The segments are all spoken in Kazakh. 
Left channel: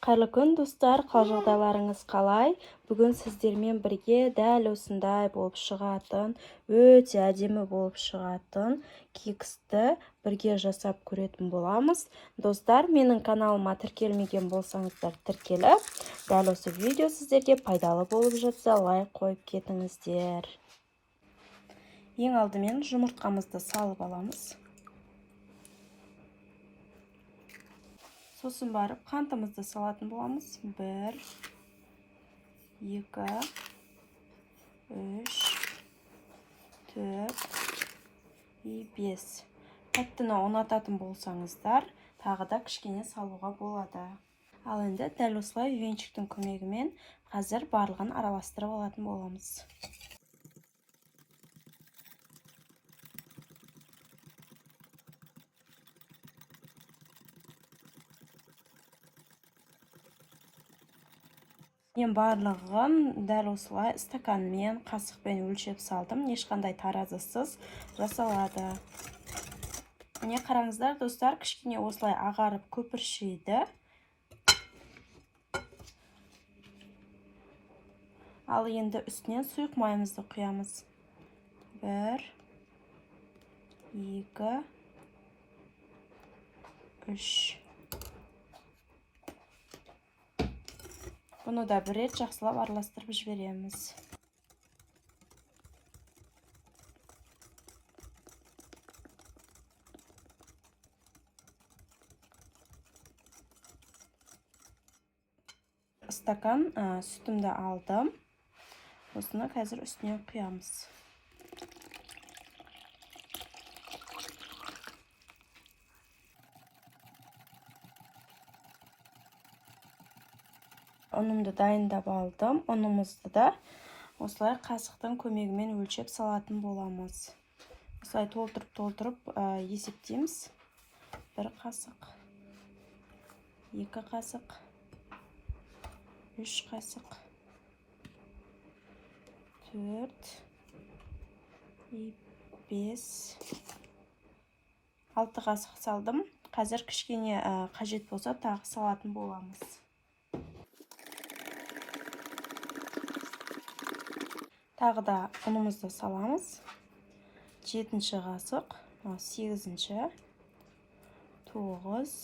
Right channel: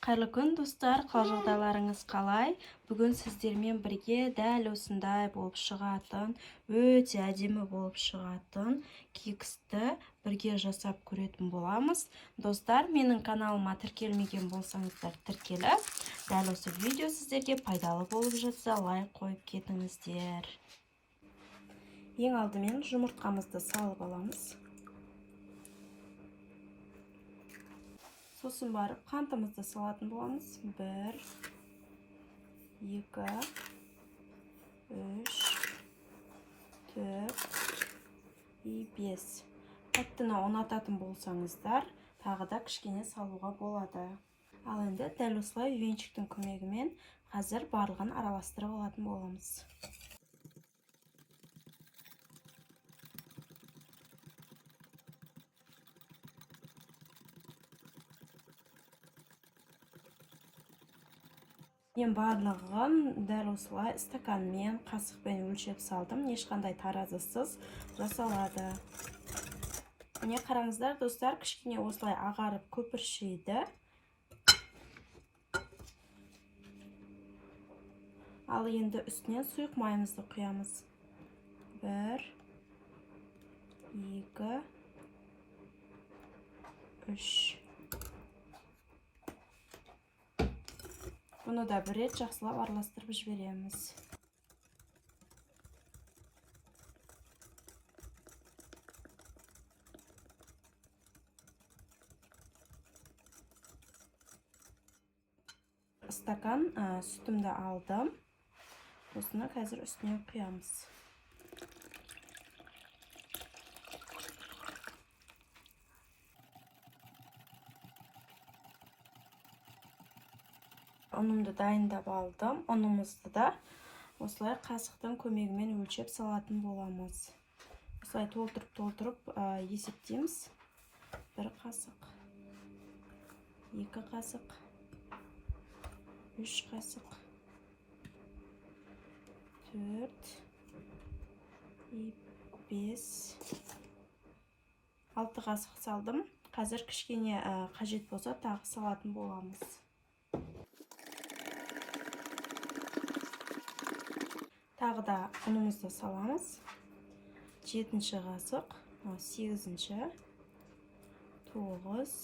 Қайырлы күн достар, қал жағдайларыңыз қалай? Бүгін сіздермен бірге дәл осындай болып шығатын, өте әдемі болып шығатын кексті бірге жасап көретін боламыз. Достар, менің каналыма тіркелмеген болсаңыздар тіркеліп, дәл осы видео сіздерге пайдалы болып жатса лайк қойып кетіңіздер. Ең алдымен жұмыртқамызды салып аламыз. Сосын барып қантымызды салатын боламыз. 1, 2, 3, 4 и 5. Тәттіні ұнататын болсаңыздар, тағы да кішкене салуға болады. Ал енді дәл осылай үйреншіктің көмегімен қазір барлығын араластырып алатын боламыз. Мен барлығын дәл осылай стаканмен, қасықпен өлшеп салдым. Ешқандай таразысыз жасалады. Міне қараңыздар достар, кішкене осылай ағарып көпіршейді. Ал енді үстінен сұйық майымызды құямыз. 1, 2, 3. Бұны да бір рет жақсылап араластырып жібереміз. Стакан сүтімді алдым. Осыны қазір үстіне құямыз. Ұнымды дайындап алдым. Ұнымызды да осылай қасықтың көмегімен өлшеп салатын боламыз. Осылай толтырып есептейміз. 1 қасық, 2 қасық, 3 қасық, 4 и 5, 6 қасық салдым. Қазір кішкене қажет болса тағы салатын боламыз. Тағы да ұнымызды саламыз. 7-ші қасық, 8-ші, 9,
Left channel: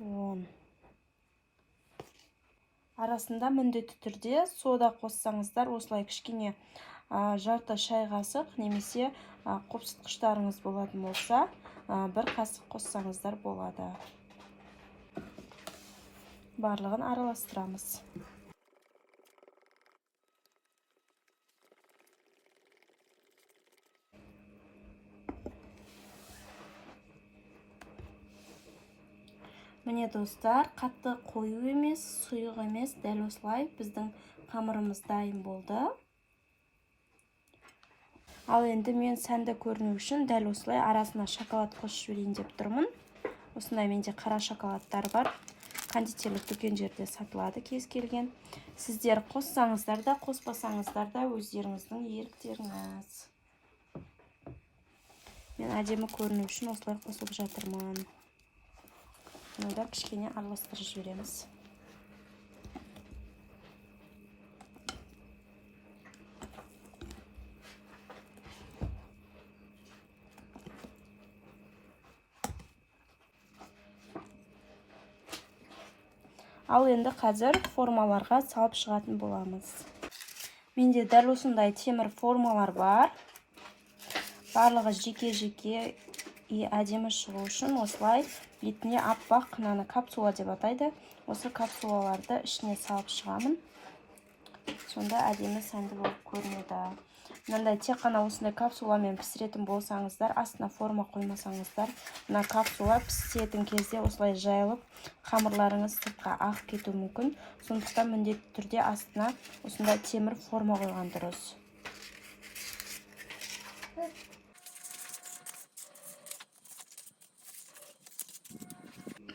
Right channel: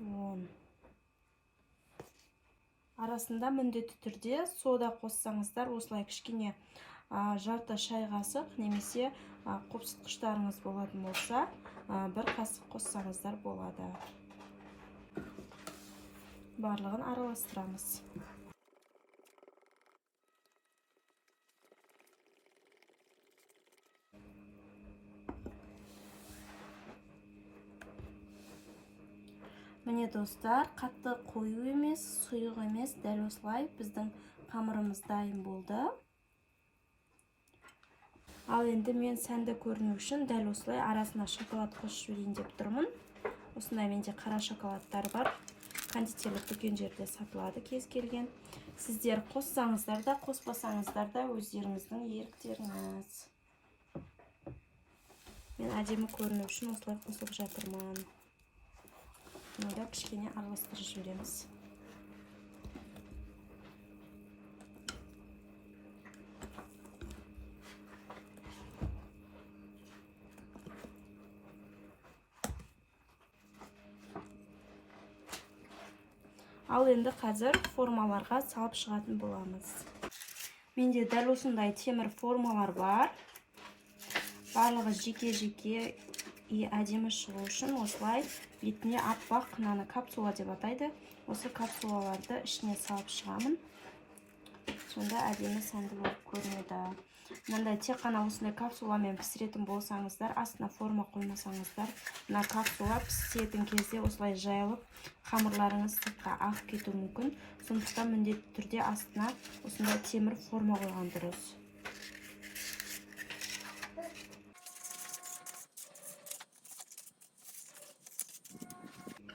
10. Арасында міндетті түрде сода қоссаңыздар, осылай кішкене жарты шай қасық немесе қопсытқыштарыңыз болатын болса, 1 қасық қоссаңыздар болады. Барлығын араластырамыз. Міне достар, қатты қою емес, сұйық емес, дәл осылай біздің қамырымыз дайын болды. Ал енді мен сәнді көріну үшін дәл осылай арасына шоколад қосып жіберейін деп тұрмын. Осындай менде қара шоколадтар бар. Кондитерлік дүкендерде сатылады кез келген. Сіздер қоссаңыздар да, қоспасаңыздар да өздеріңіздің еріктеріңіз. Мен әдемі көріну үшін осылай қосып жатырмын. Мұнда кішкене араластырып жібереміз. Ал енді қазір формаларға салып шығатын боламыз. Менде дәл осындай темір формалар бар. Барлығы жеке-жеке әдемі шығу үшін осылай бетіне аппақ қынаны капсула деп атайды. Осы капсулаларды ішіне салып шығамын. Сонда әдемі сәнді болып көрінеді. Мынандай тек қана осындай капсуламен пісіретін болсаңыздар, астына форма қоймасаңыздар, мына капсула пісетін кезде осылай жайылып, қамырларыңыз сыртқа ағып кетуі мүмкін. Сондықтан міндетті түрде астына осындай темір форма қойған дұрыс.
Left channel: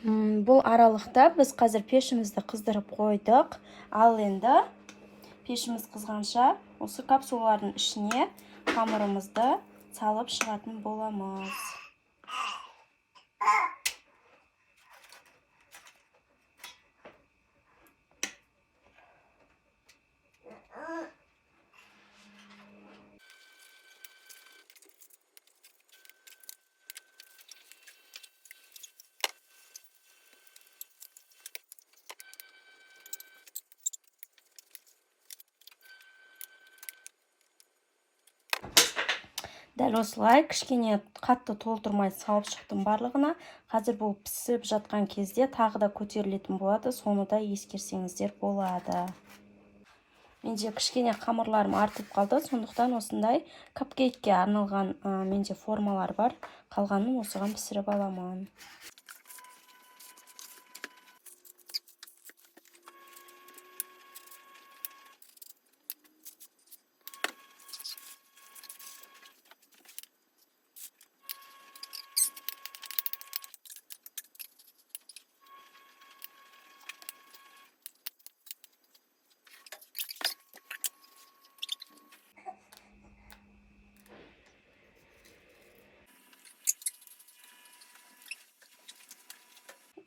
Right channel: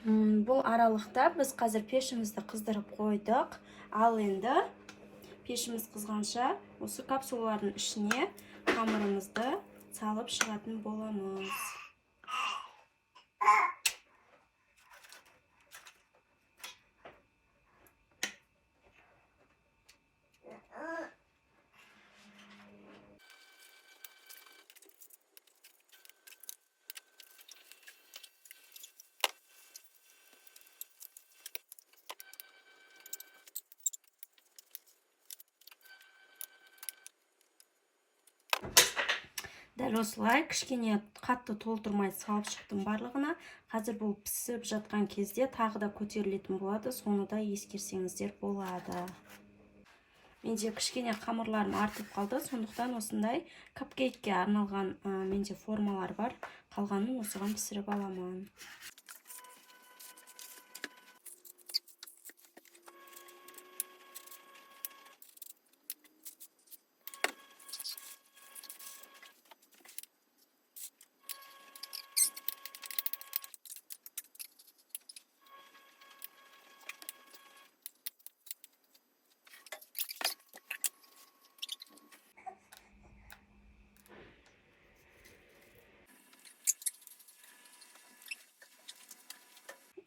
Бұл аралықта біз қазір пешімізді қыздырып қойдық. Ал енді пешіміз қызғанша осы капсулалардың ішіне қамырымызды салып шығатын боламыз. Дәл осылай кішкене қатты толтырмай салып шықтым барлығына. Қазір бұл пісіп жатқан кезде тағы да көтерілетін болады, соны да ескерсеңіздер болады. Менде кішкене қамырларым артып қалды, сондықтан осындай капкейкке арналған менде формалар бар. Қалғанын осыған пісіріп аламын.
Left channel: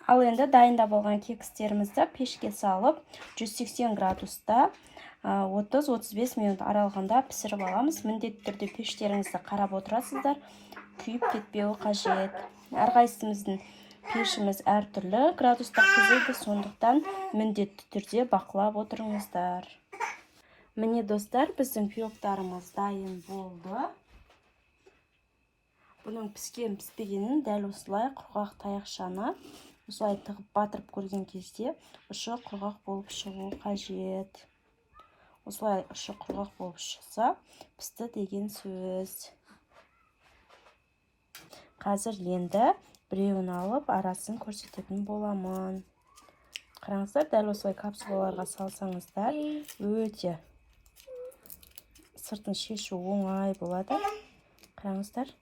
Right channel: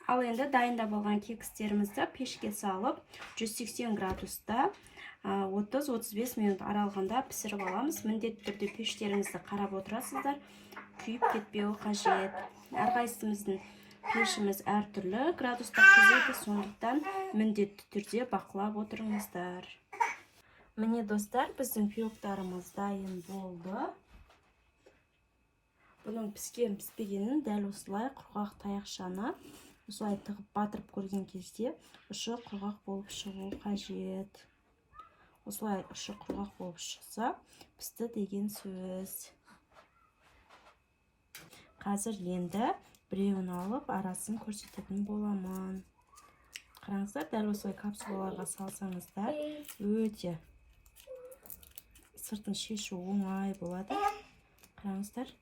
Ал енді дайындап алған кекстерімізді пешке салып 180 градуста 30-35 минут аралығында пісіріп аламыз. Міндетті түрде пештеріңізді қарап отырасыздар, күйіп кетпеуі қажет. Әрқайсымыздың пешіміз әртүрлі градуста қызиды, сондықтан міндетті түрде бақылап отырыңыздар. Міне достар, біздің пирогтарымыз дайын болды. Бұның піскен піспегенін дәл осылай құрғақ таяқшаны осылай тығып батырып көрген кезде ұшы құрғақ болып шығуы қажет. Осылай ұшы құрғақ болып шықса, пісті деген сөз. Қазір енді біреуін алып арасын көрсететін боламын. Қараңыздар, дәл осылай капсулаларға салсаңыздар, өте сыртын шешу оңай болады. Қараңыздар,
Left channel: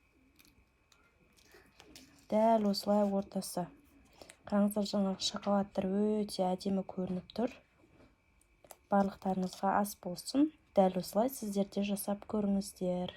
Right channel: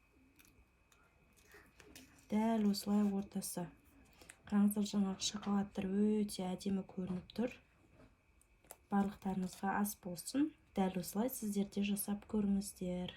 дәл осылай ортасы. Қараңыздар, жаңағы шоколадтар өте әдемі көрініп тұр. Барлықтарыңызға ас болсын. Дәл осылай сіздер де жасап көріңіздер.